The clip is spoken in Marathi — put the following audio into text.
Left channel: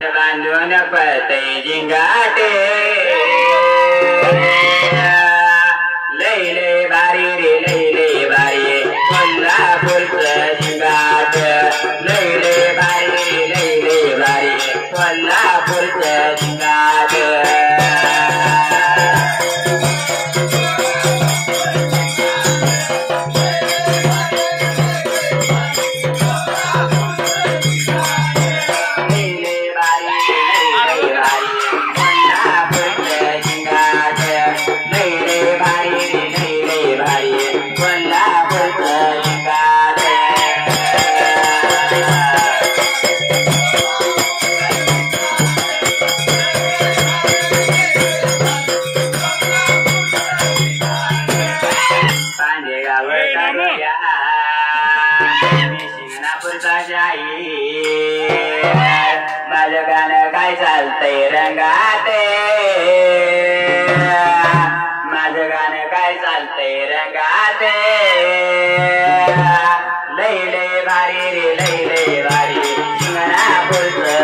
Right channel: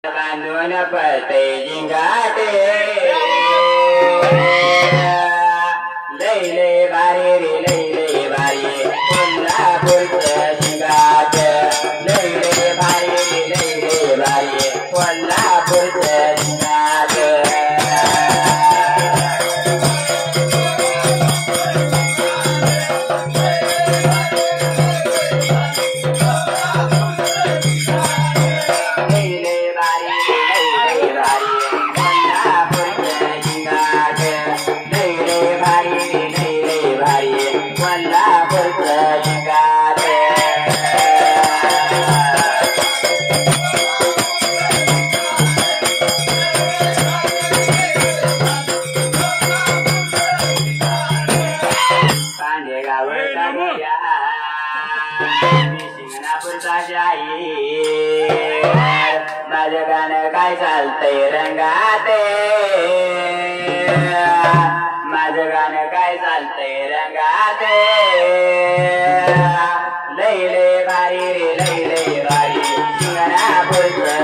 बांधून पळते जिंगाटे लय लय भारी रे लय लय भारी कोल्हापूरचं जिंगाट लय लय भारी रे लय लय भारी कोल्हापूरचं जिंगाट माझं गाणं काय चालतंय रंगाते माझं गाणं काय चालतंय रंगाते लय लय भारी रे लय लय भारी कोल्हापूरचं